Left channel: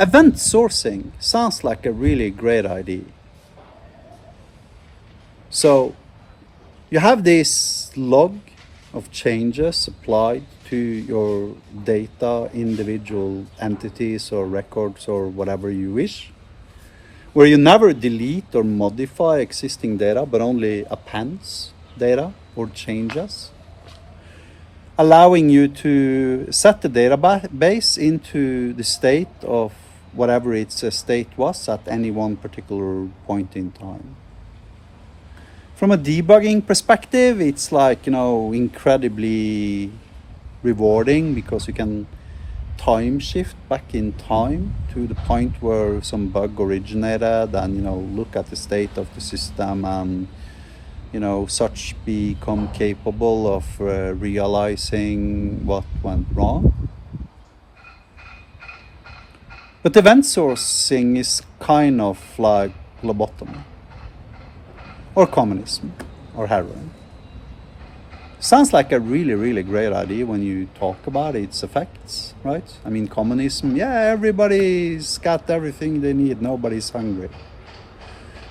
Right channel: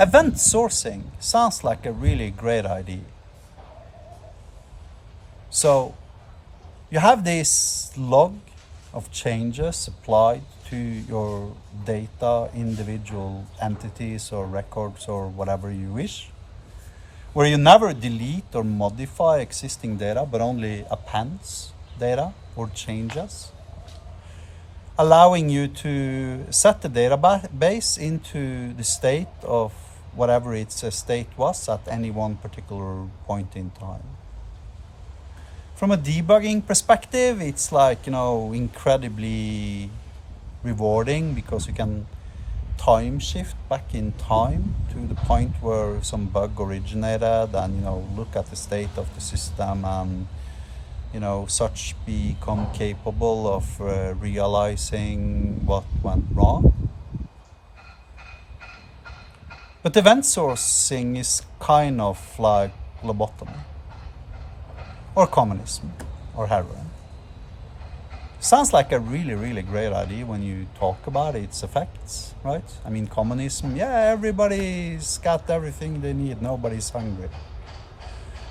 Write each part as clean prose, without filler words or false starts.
Event sourcing sounds like a really great idea. So you have this log of changes applied to your data, individual entities or records or whatever you wish, where you never delete or modify existing data, but only appends data or changes, allowing you to set the database into the state of whatever its state was at any one particular point in time. From a debugging perspective, it's like, incredibly rewarding because you can time shift back in time to the point where some bug originated and, look at the state of the system and, such become capable of realizing what went wrong. But event sourcing is kind of like lobotomy, or communism, or heroin. Sounds like a really, really great idea when you talk about its effects, right? I mean, communism, everybody's got everything they need, nobody's hungry.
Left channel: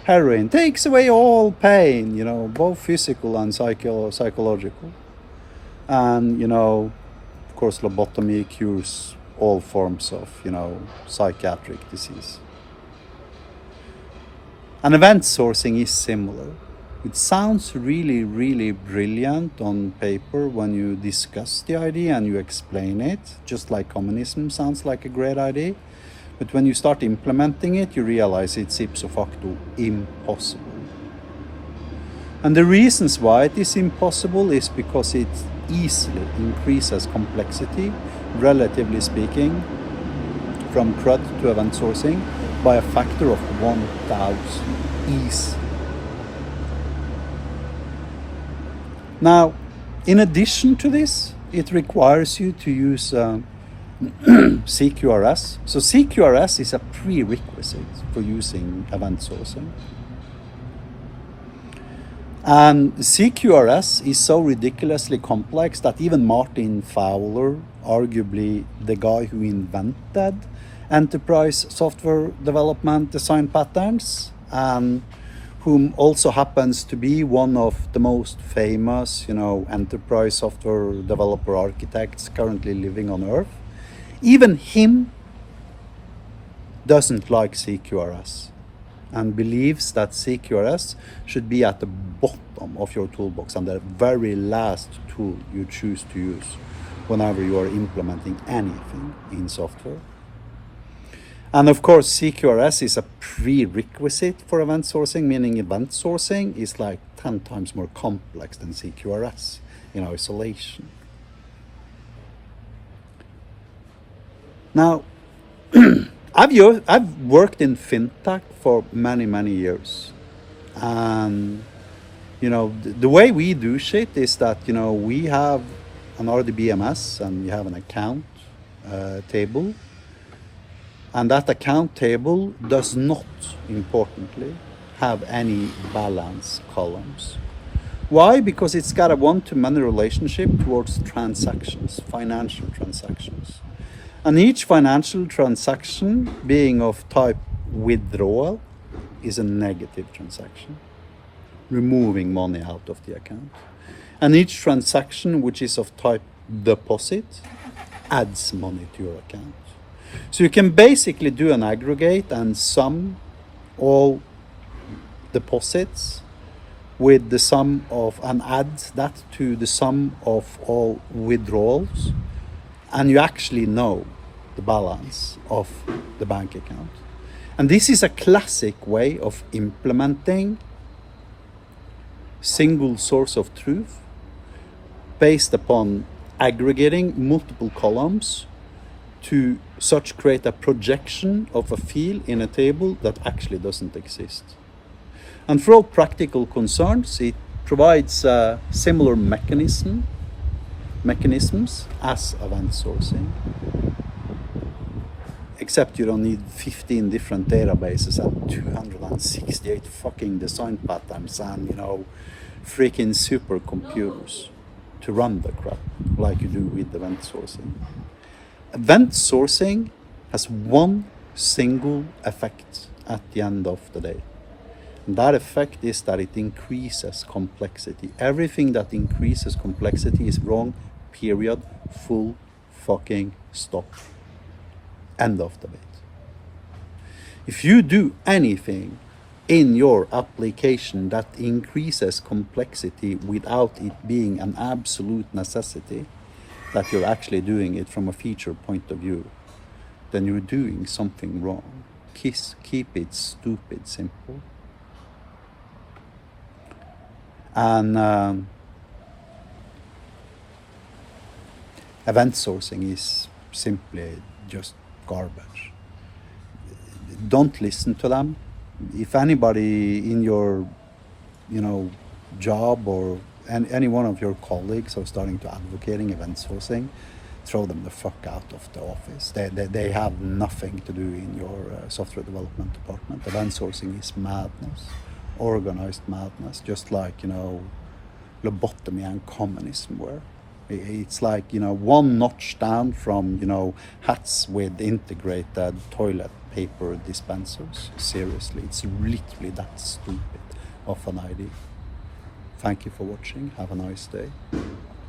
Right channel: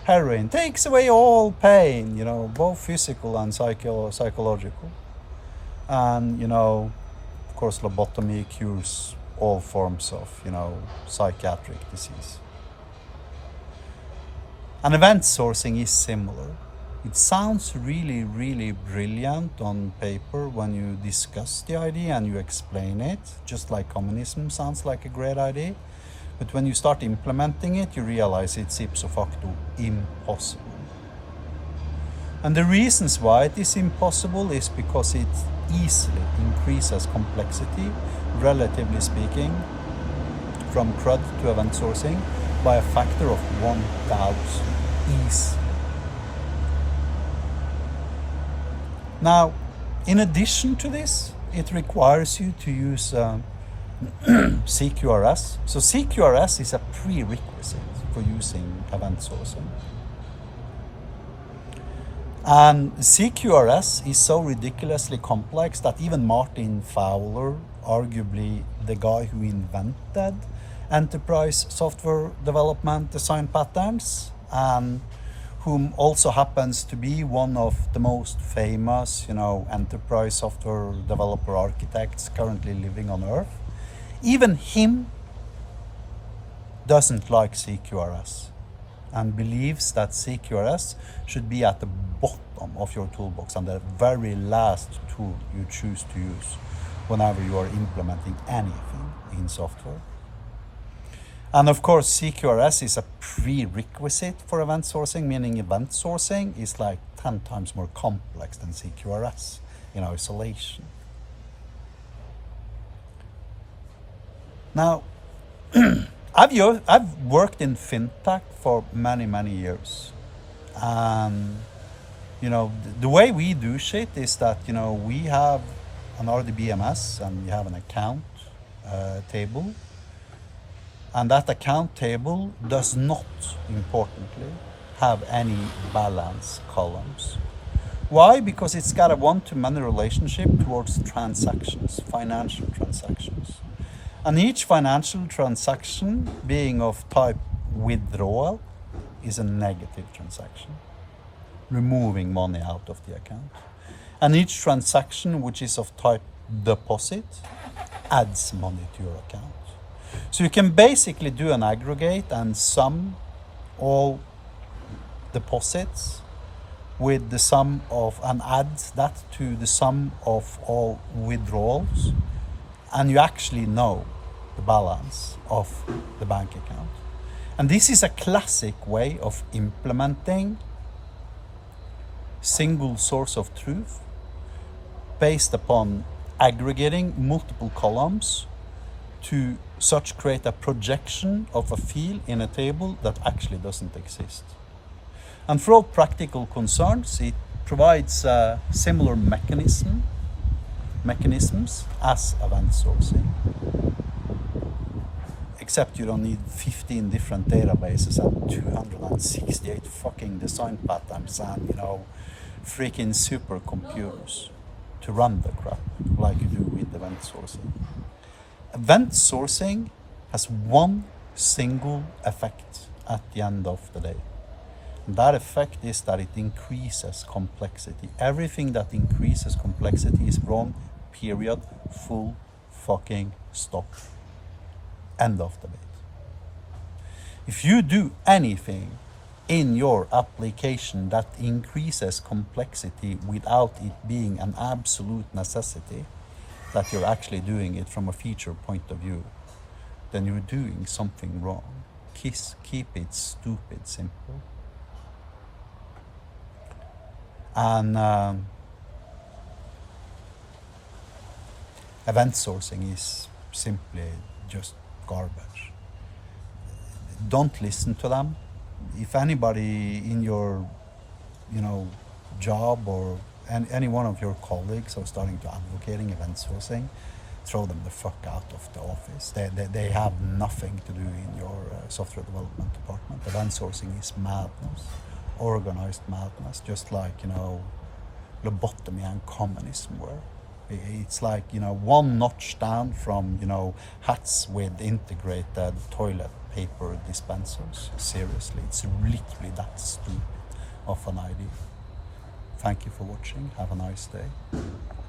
Heroin takes away all pain, both physical and psychological. And, of course, lobotomy cures all forms of, psychiatric disease. And event sourcing is similar. It sounds really, really brilliant on paper when you discuss the idea and you explain it, just like communism sounds like a great idea. But when you start implementing it, you realize it's ipso facto impossible. And the reasons why it is impossible is because it easily increases complexity, relatively speaking, from CRUD to event sourcing by a factor of 1,000 easy. Now, in addition to this, it requires you to use CQRS. So CQRS is a prerequisite for using event sourcing. And CQRS is so ridiculously complex that even Martin Fowler, arguably the guy who invented enterprise software development design patterns, and whom also happens to be one of the most famous, enterprise software developer architects currently living on Earth, even him doesn't like CQRS and believes that CQRS should be at the bottom of your toolbox and the very last tool you choose to use whenever you are implementing anything in software. And of course, CQRS is a prerequisite for event sourcing, meaning event sourcing is like 10 times more complex than CQRS in isolation. Now, I've worked in fintech for many, many years. And, the way we do shit is that, we have an RDBMS and we have an account table. And that account table does not, importantly, have any balance columns. Why? Because it's got a one-to-many relationship towards transactions, financial transactions. And each financial transaction being of type withdrawal is a negative transaction, removing money out of the account. And each transaction which is of type deposit adds money to your account. So you can basically do an aggregate and sum all deposits with the sum of, and add that to the sum of all withdrawals, and you actually know the balance of the bank account. And this is a classic way of implementing single source of truth based upon aggregating multiple columns to such create a projection of a field in a table that actually doesn't exist. And for all practical concerns, it provides a similar mechanisms as event sourcing. Except you don't need 15 different databases and 268 fucking design patterns and, freaking supercomputers to run the crap like you do with event sourcing. Event sourcing has one single effect at the end of the day. And that effect is that it increases complexity. Everything that increases complexity is wrong, period, full fucking stop. End of debate. If you do anything in your application that increases complexity without it being an absolute necessity, that you're actually doing it from a feature point of view, then you're doing something wrong. Keep it stupid simple. And event sourcing is simply just garbage. Don't listen to them. If anybody in your, job or any one of your colleagues are starting to advocating event sourcing, throw them the fuck out of the office. They have nothing to do in your software development department. Event sourcing is madness, organized madness, just like, lobotomy and communism were. It's like, one notch down from, hats with integrated toilet paper dispensers. Seriously, it's literally that stupid of an idea. Thank you for watching. Have a nice day.